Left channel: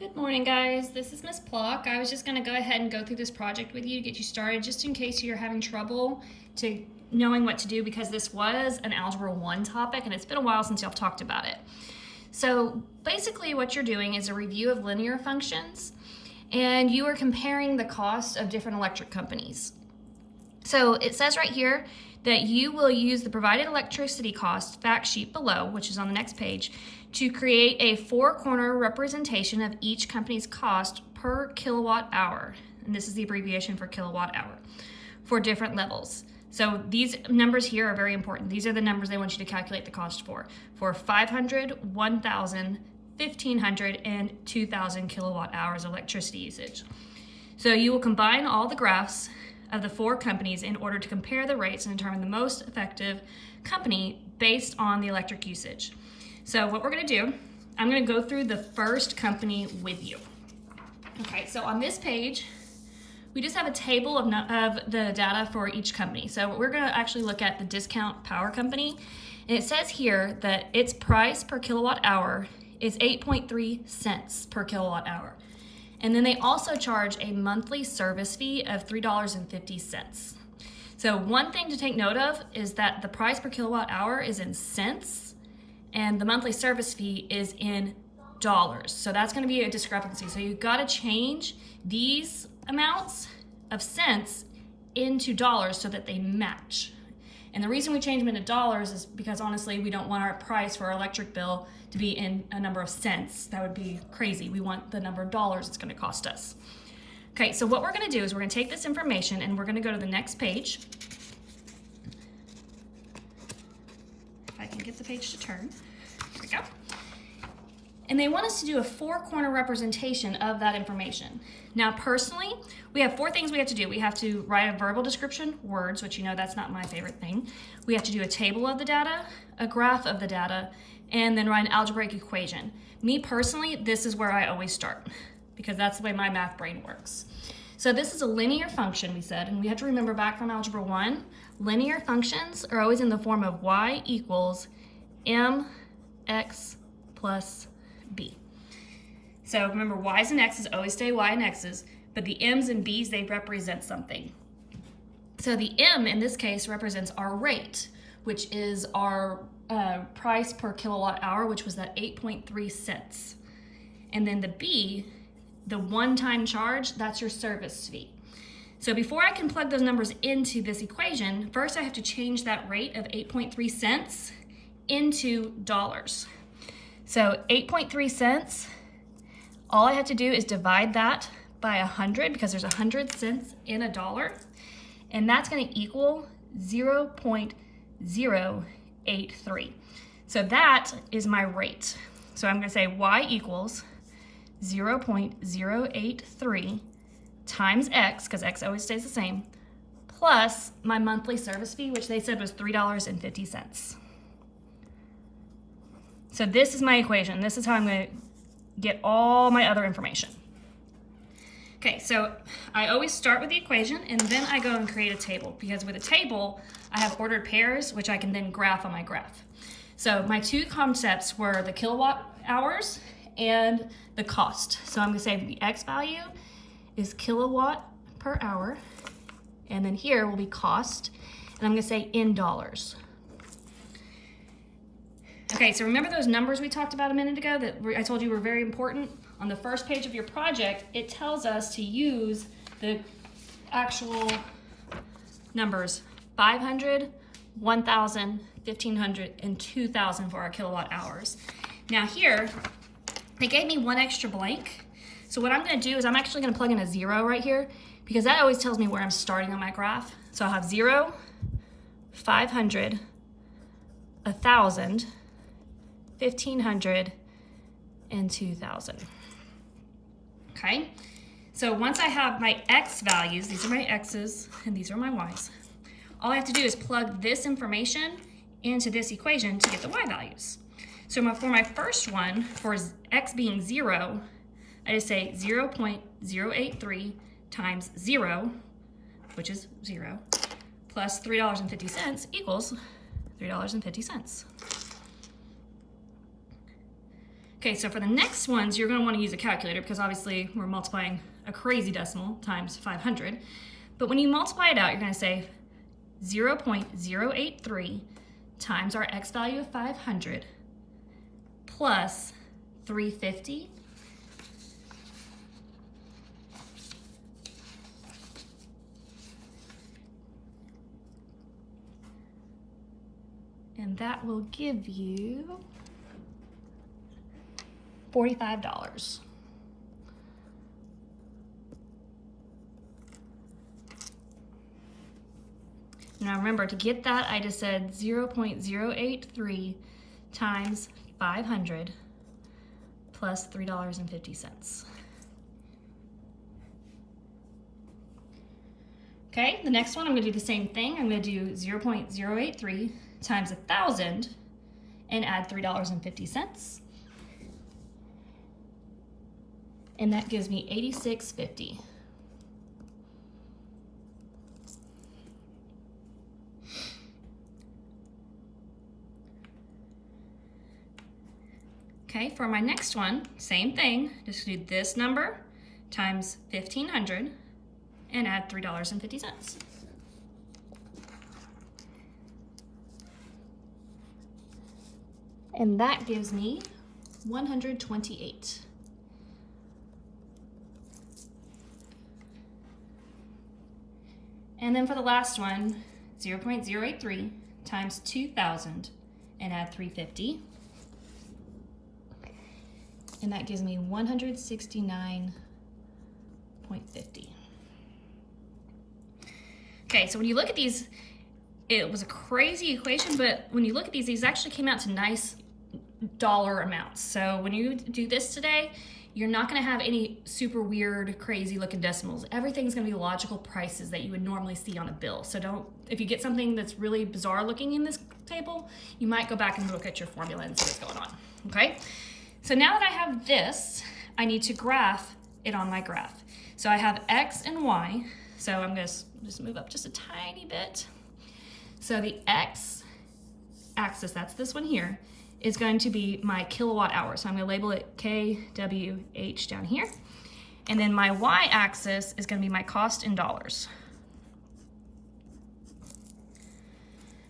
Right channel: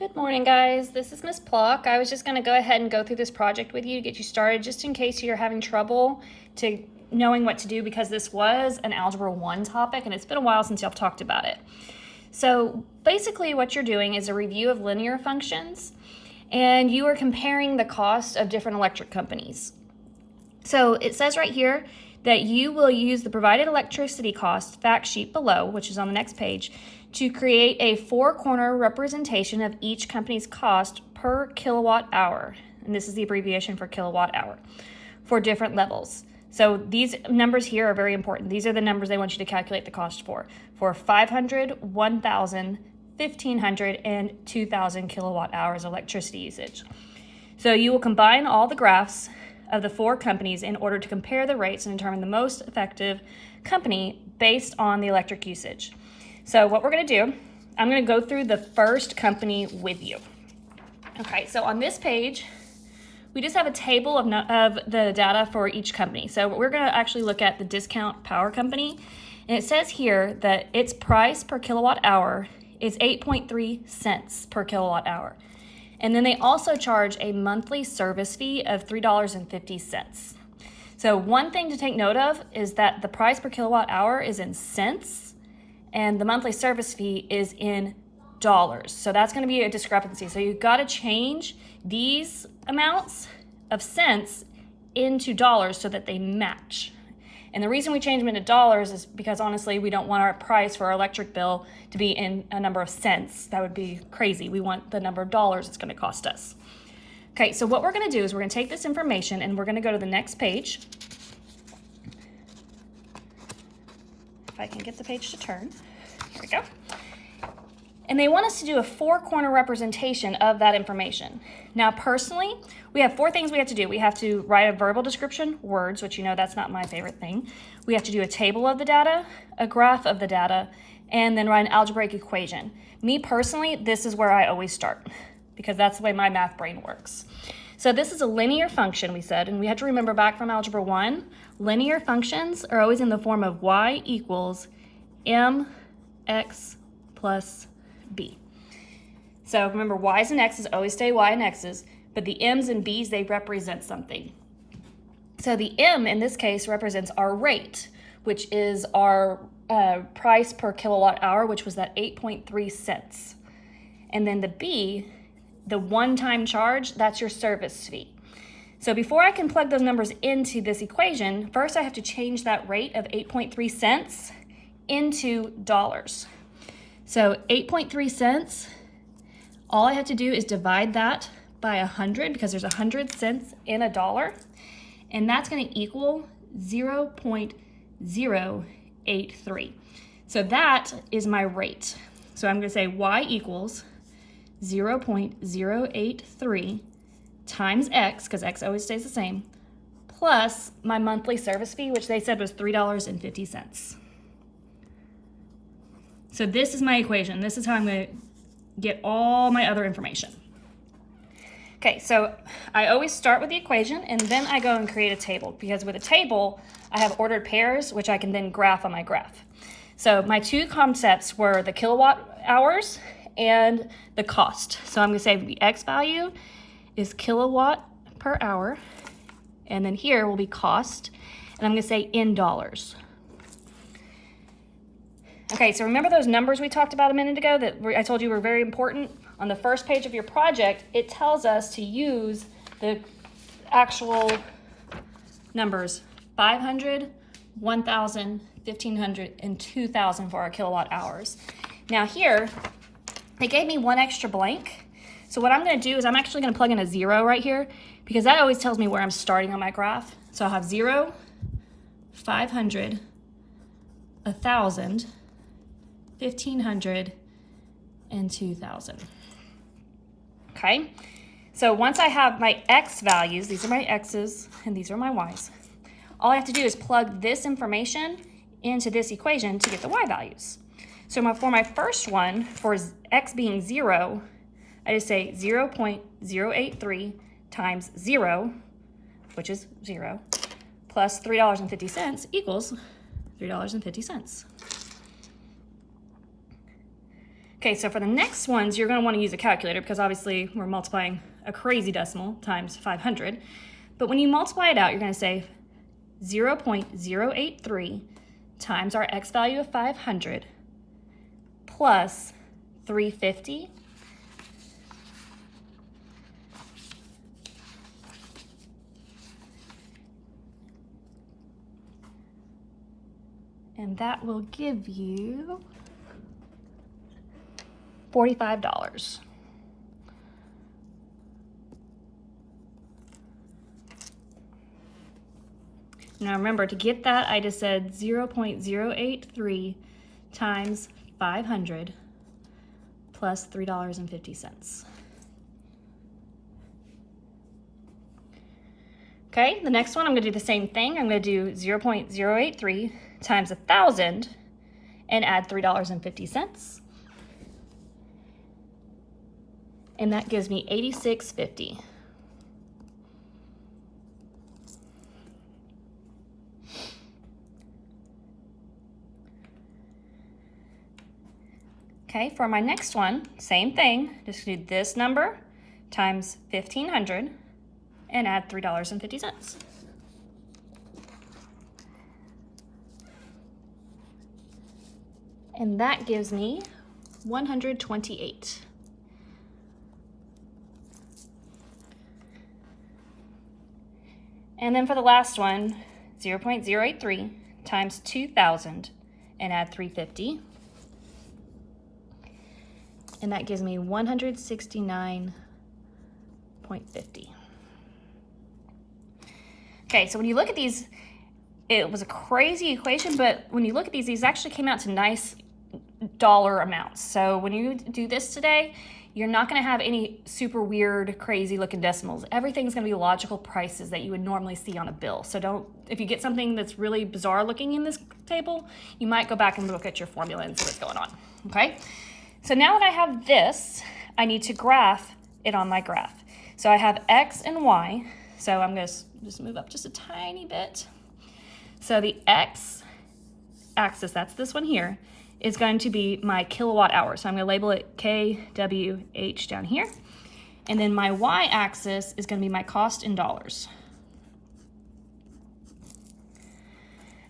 Good morning, guys. This is Miss Pluck. I was just going to go ahead and go through this project with you, get you started, just in case you're having trouble to knowing what to do, because this was an Algebra 1 topic and it's been a while since y'all talked about it. So basically what you're doing is a review of linear functions, and you are comparing the cost of different electric companies. So it says right here that you will use the provided electricity cost fact sheet below, which is on the next page, to create a four-corner representation of each company's cost per kilowatt hour. And this is the abbreviation for kilowatt hour for different levels. So these numbers here are very important. These are the numbers they want you to calculate the cost for 500, 1,000, 1,500, and 2,000 kilowatt hours of electricity usage. So you will combine all the graphs of the four companies in order to compare the rates and determine the most effective company based on the electric usage. So what we're going to do, I'm going to go through the first company with you. Okay, so on this page, we just have a table of the data for each company. So we're going to actually look at the Discount Power Company, and it says here that its price per kilowatt hour is 8.3 cents per kilowatt hour. And then they also charge a monthly service fee of $3.50. So one thing to take note of is that the price per kilowatt hour is in cents, and the monthly service fee is in dollars. So that's going to be a discrepancy. So you've got to change these amounts of cents into dollars so that they match. And the reason we change them into dollars is because honestly, we don't want our price for our electric bill to be in a number of cents. That would be crazy. We want the number of dollars it's going to cost us. Okay, so what we're going to do is we're going to take this information and we're going to go to the next page. If I can get the page to turn. There we go. And they want us to do a four-corner representation of that information. Now, personally, we have four things we have to do. We have to write a verbal description, words, which you know that's not my favorite thing. We have to do a table of the data, a graph of the data, and then write an algebraic equation. Me personally, this is where I always start, because that's the way my math brain works. So this is a linear function, we said, and we had to remember back from Algebra 1, linear functions are always in the form of y equals mx plus b. So remember, y's and x's always stay y and x's, but the m's and b's, they represent something. So the m in this case represents our rate, which is our price per kilowatt hour, which was that 8.3 cents. And then the b, the one-time charge, that's your service fee. So before I can plug those numbers into this equation, first I have to change that rate of 8.3 cents into dollars. So 8.3 cents, all I have to do is divide that by 100, because there's 100 cents in a dollar, and that's going to equal 0.083. So that is my rate. So I'm going to say y equals 0.083 times x, because x always stays the same, plus my monthly service fee, which they said was $3.50. So this is my equation. This is how I'm going to get all my other information. Okay, so I always start with the equation, and then I go and create a table, because with a table, I have ordered pairs, which I can then graph on my graph. So my two concepts were the kilowatt hours and the cost. So I'm going to say the x value is kilowatt per hour, and then here will be cost, and I'm going to say in dollars. Okay, so remember those numbers we talked about a minute ago that I told you were very important? On the first page of your project, it tells us to use the actual numbers 500, 1,000, 1,500, and 2,000 for our kilowatt hours. Now here, they gave me one extra blank. So what I'm going to do is I'm actually going to plug in a 0 right here, because that always tells me where I'm starting on my graph. So I'll have 0, 500, 1,000, 1,500, and 2,000. Okay, so once I have my x values, these are my x's and these are my y's, all I have to do is plug this information into this equation to get the y values. So for my first one, for x being 0, I just say 0.083 times 0, which is 0, plus $3.50 equals $3.50. Okay, so for the next ones, you're gonna wanna use a calculator because obviously we're multiplying a crazy decimal times 500. But when you multiply it out, you're gonna say 0.083 times our x value of 500 plus 350 and that will give you $45. Now remember, to get that, I just said 0.083 times 500 plus $3.50. Okay, the next one, I'm gonna do the same thing. I'm gonna do 0.083 times 1,000 and add $3.50. And that gives me $86.50. Okay, for my next one, same thing. Just do this number times 1,500 and add $3.50. And that gives me 128. And then for the last one, 0.083 times 2,000 and add 350. And that gives me 169.50. Okay, so when you look at these, it was a crazy equation, but when you look at these actually came out to nice dollar amounts. So when you do this today, you're not gonna have any super weird, crazy looking decimals. Everything's gonna be logical prices that you would normally see on a bill. So if you get something that's really bizarre looking in this table, you might go back and look at your formula and see what's going on, okay? So now that I have this, I need to graph it on my graph. So I have X and Y. So I'm gonna just move up just a tiny bit. So the X axis, that's this one here, is going to be my kilowatt hour. So I'm gonna label it KWH down here. And then my Y axis is gonna be my cost in dollars.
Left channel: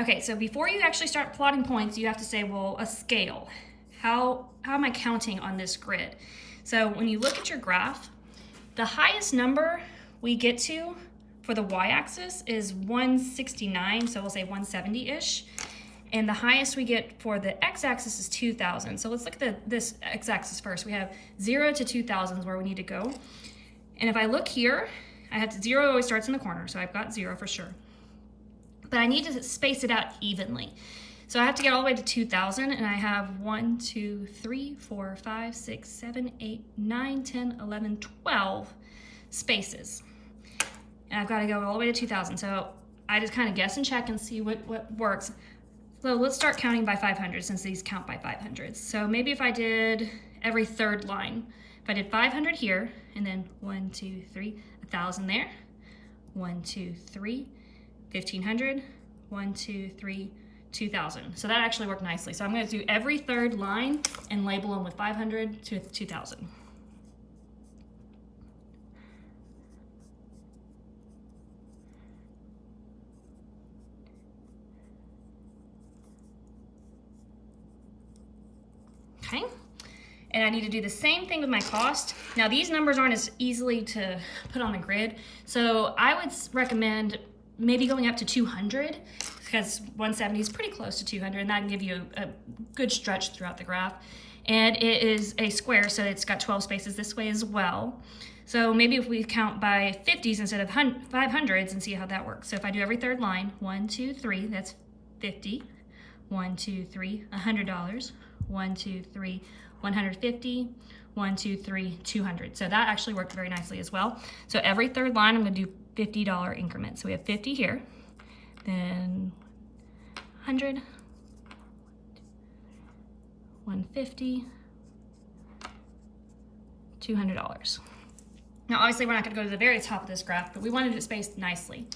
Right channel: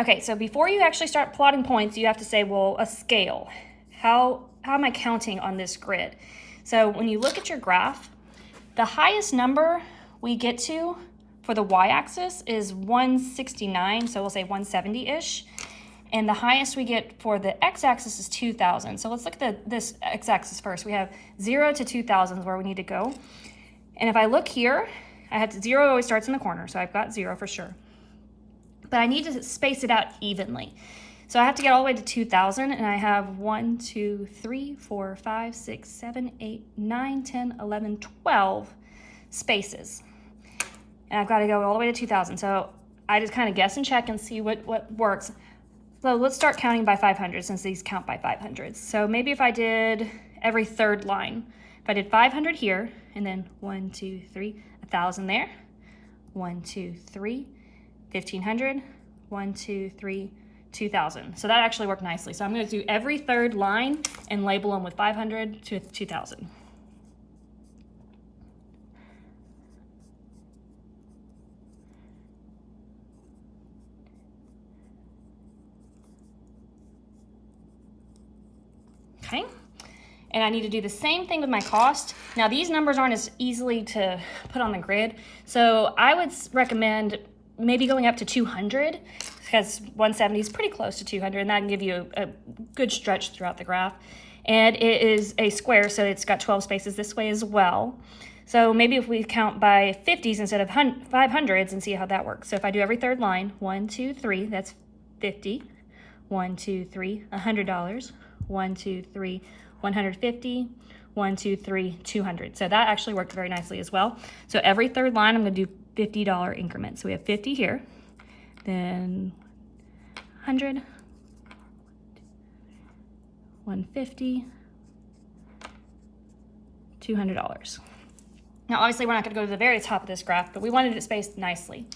Okay, so before you actually start plotting points, you have to say, well, a scale. How am I counting on this grid? So when you look at your graph, the highest number we get to for the y-axis is 169, so we'll say 170-ish. And the highest we get for the x-axis is 2,000. So let's look at this x-axis first. We have 0 to 2,000 is where we need to go. And if I look here, I have to, 0 always starts in the corner, so I've got 0 for sure. But I need to space it out evenly. So I have to get all the way to 2,000, and I have 1, 2, 3, 4, 5, 6, 7, 8, 9, 10, 11, 12 spaces. And I've got to go all the way to 2,000. So I just kind of guess and check and see what works. So let's start counting by 500 since these count by 500. So maybe if I did every third line, if I did 500 here, and then 1, 2, 3, 1,000 there, 1, 2, 3, 1,500, 1, 2, 3, 2,000. So that actually worked nicely. So I'm going to do every third line and label them with 500 to 2,000. Okay. And I need to do the same thing with my cost. Now these numbers aren't as easily to put on the grid. So I would recommend maybe going up to 200 because 170 is pretty close to 200 and that can give you a good stretch throughout the graph. And it is a square, so it's got 12 spaces this way as well. So maybe if we count by 50s instead of 500s and see how that works. So if I do every third line, 1, 2, 3, that's 50. 1, 2, 3, $100. 1, 2, 3, 150. 1, 2, 3, 200. So that actually worked very nicely as well. So every third line, I'm going to do $50 increments. So we have 50 here, then 100, 150, $200. Now, obviously, we're not going to go to the very top of this graph, but we wanted it spaced nicely.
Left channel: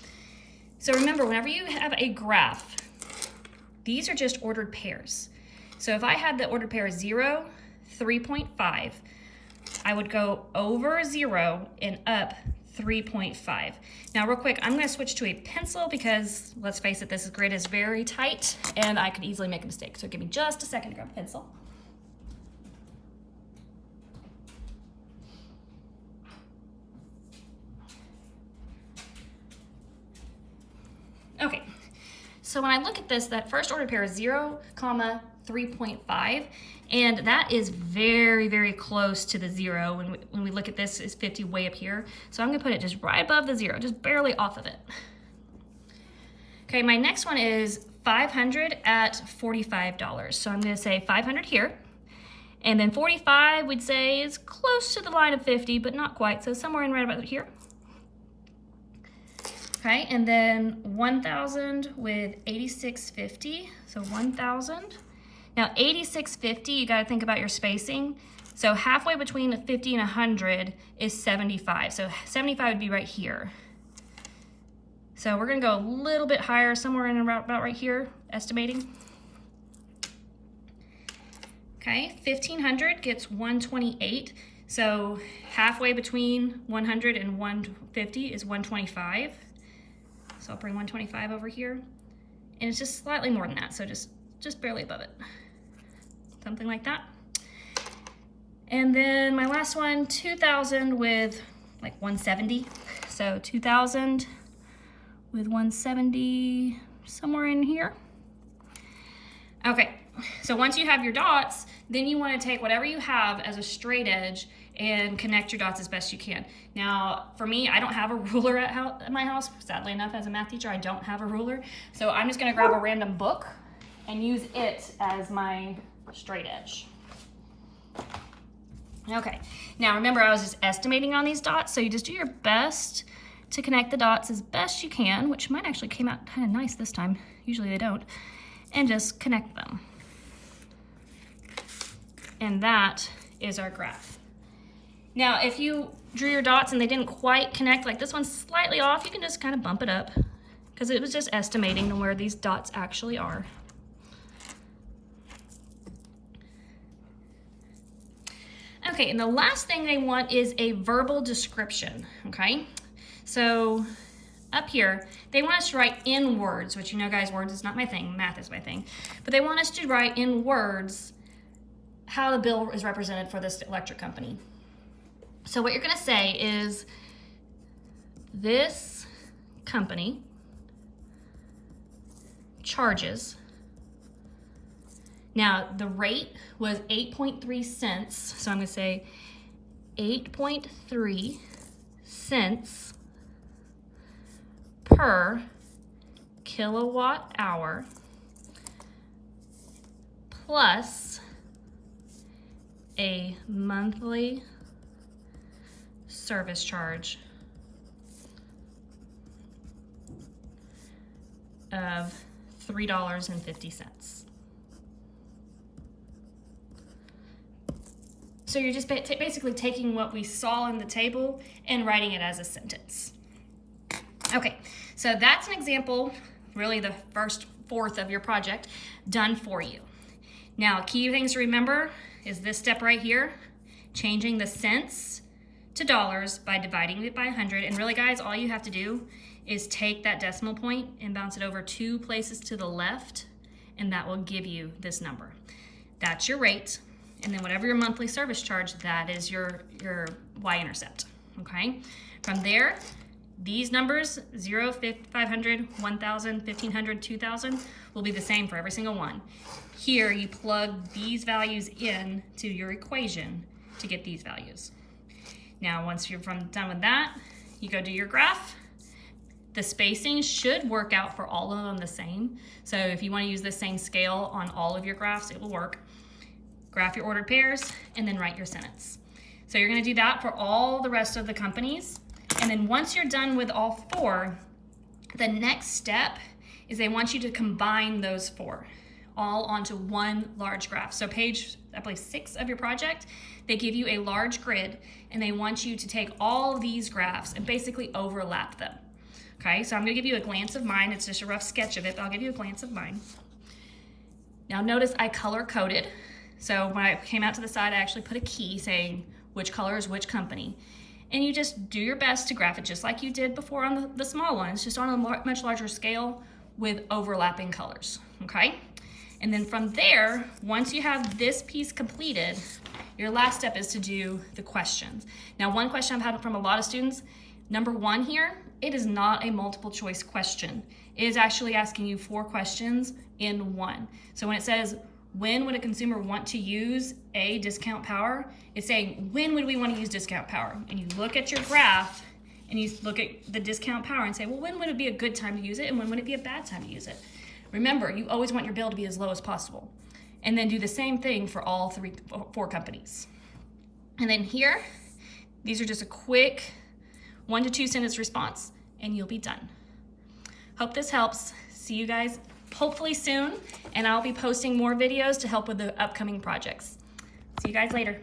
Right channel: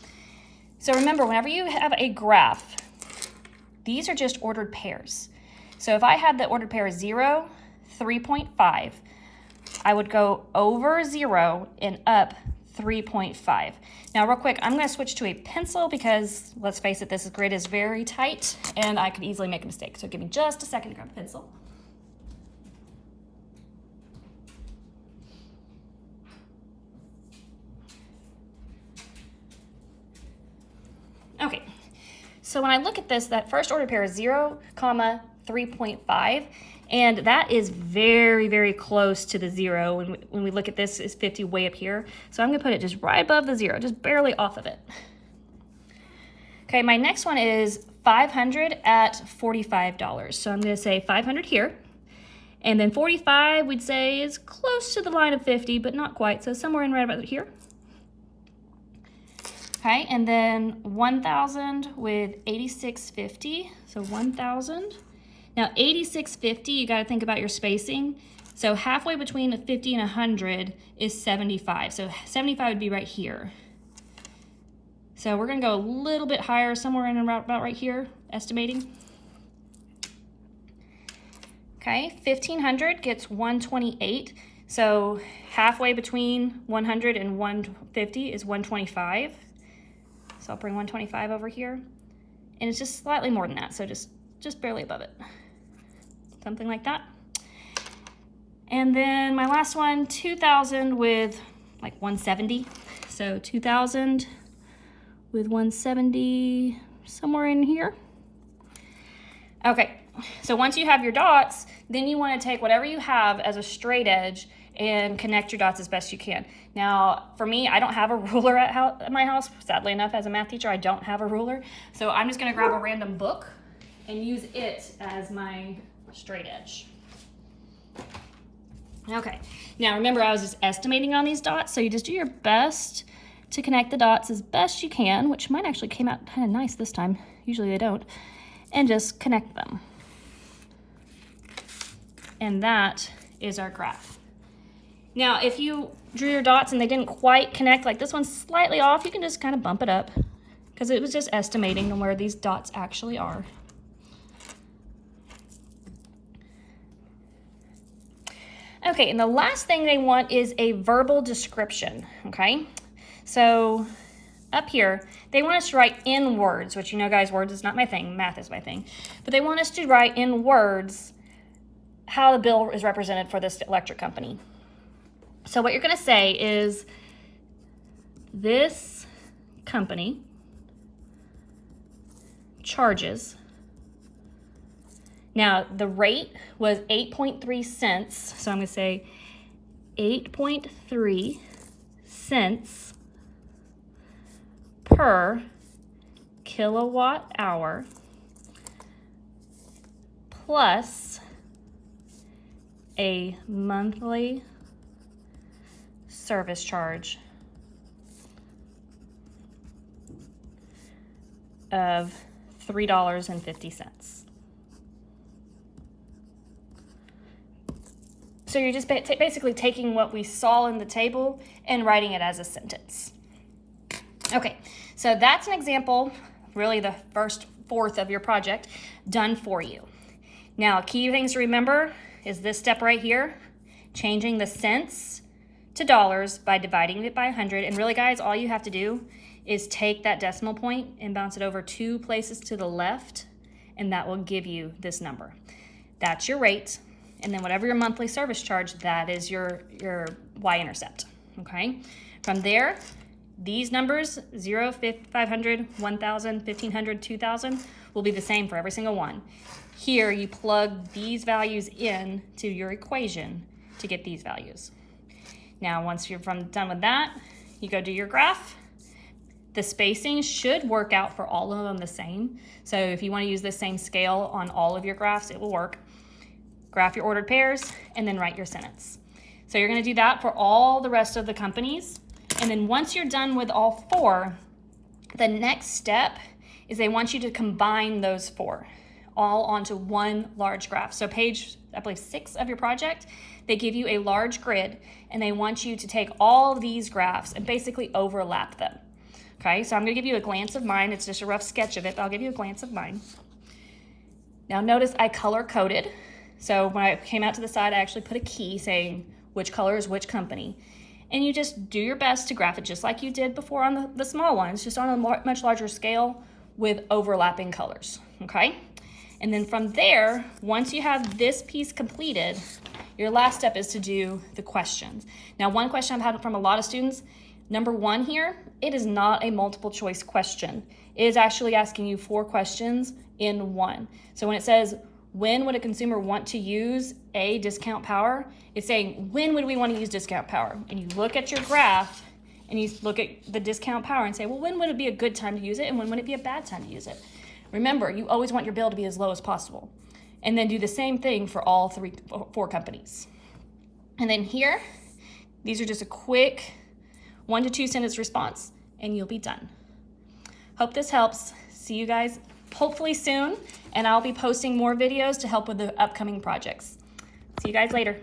So remember, whenever you have a graph, these are just ordered pairs. So if I had the ordered pair 0, 3.5. I would go over 0 and up 3.5. Now real quick, I'm going to switch to a pencil because let's face it, this grid is very tight and I could easily make a mistake. So give me just a second to grab a pencil. Okay, so when I look at this, that first order pair is 0, 3.5, and that is very, very close to the 0. When we look at this, it's 50 way up here. So I'm gonna put it just right above the 0, just barely off of it. Okay, my next one is 500 at $45. So I'm gonna say 500 here. And then 45, we'd say, is close to the line of 50, but not quite. So somewhere in right about here. Okay, and then 1,000 with 86.50, so 1,000. Now 86.50, you gotta think about your spacing. So halfway between 50 and 100 is 75. So 75 would be right here. So we're gonna go a little bit higher, somewhere in about right here, estimating. Okay, 1,500 gets 128. So halfway between 100 and 150 is 125. So I'll bring 125 over here, and it's just slightly more than that, so just barely above it. Something like that. And then my last one, 2,000 with like 170. So 2,000 with 170, somewhere in here. Okay, so once you have your dots, then you want to take whatever you have as a straight edge and connect your dots as best you can. Now, for me, I don't have a ruler at my house. Sadly enough, as a math teacher, I don't have a ruler. So I'm just gonna grab a random book and use it as my straight edge. Okay, now remember I was just estimating on these dots, so you just do your best to connect the dots as best you can, which mine actually came out kind of nice this time. Usually they don't. And just connect them. And that is our graph. Now, if you drew your dots and they didn't quite connect, like this one's slightly off, you can just kind of bump it up because it was just estimating on where these dots actually are. Okay, and the last thing they want is a verbal description, okay? So up here, they want us to write in words, which you know, guys, words is not my thing, math is my thing. But they want us to write in words how the bill is represented for this electric company. So what you're gonna say is, this company charges, now the rate was 8.3 cents, so I'm gonna say 8.3 cents per kilowatt hour plus a monthly service charge of $3.50. So you're just basically taking what we saw in the table and writing it as a sentence. Okay, so that's an example, really the first fourth of your project, done for you. Now, key things to remember is this step right here, changing the cents to dollars by dividing it by 100. And really, guys, all you have to do is take that decimal point and bounce it over 2 places to the left, and that will give you this number. That's your rate, and then whatever your monthly service charge, that is your y-intercept, okay? From there, these numbers, 0, 500, 1,000, 1,500, 2,000, will be the same for every single one. Here, you plug these values in to your equation to get these values. Now, once you're done with that, you go do your graph. The spacing should work out for all of them the same. So if you want to use the same scale on all of your graphs, it will work. Graph your ordered pairs and then write your sentence. So you're going to do that for all the rest of the companies. And then once you're done with all 4, the next step is they want you to combine those 4 all onto one large graph. So page, I believe, 6 of your project, they give you a large grid and they want you to take all of these graphs and basically overlap them. Okay, so I'm gonna give you a glance of mine. It's just a rough sketch of it, but I'll give you a glance of mine. Now notice I color coded. So when I came out to the side, I actually put a key saying which color is which company. And you just do your best to graph it just like you did before on the small ones, just on a much larger scale with overlapping colors, okay? And then from there, once you have this piece completed, your last step is to do the questions. Now, one question I've had from a lot of students, number 1 here, it is not a multiple choice question. It is actually asking you 4 questions in one. So when it says, when would a consumer want to use a discount power? It's saying, when would we want to use discount power? And you look at your graph and you look at the discount power and say, well, when would it be a good time to use it and when would it be a bad time to use it? Remember, you always want your bill to be as low as possible. And then do the same thing for all 4 companies. And then here, these are just a quick 1 to 2 sentence response and you'll be done. Hope this helps. See you guys hopefully soon, and I'll be posting more videos to help with the upcoming projects. See you guys later.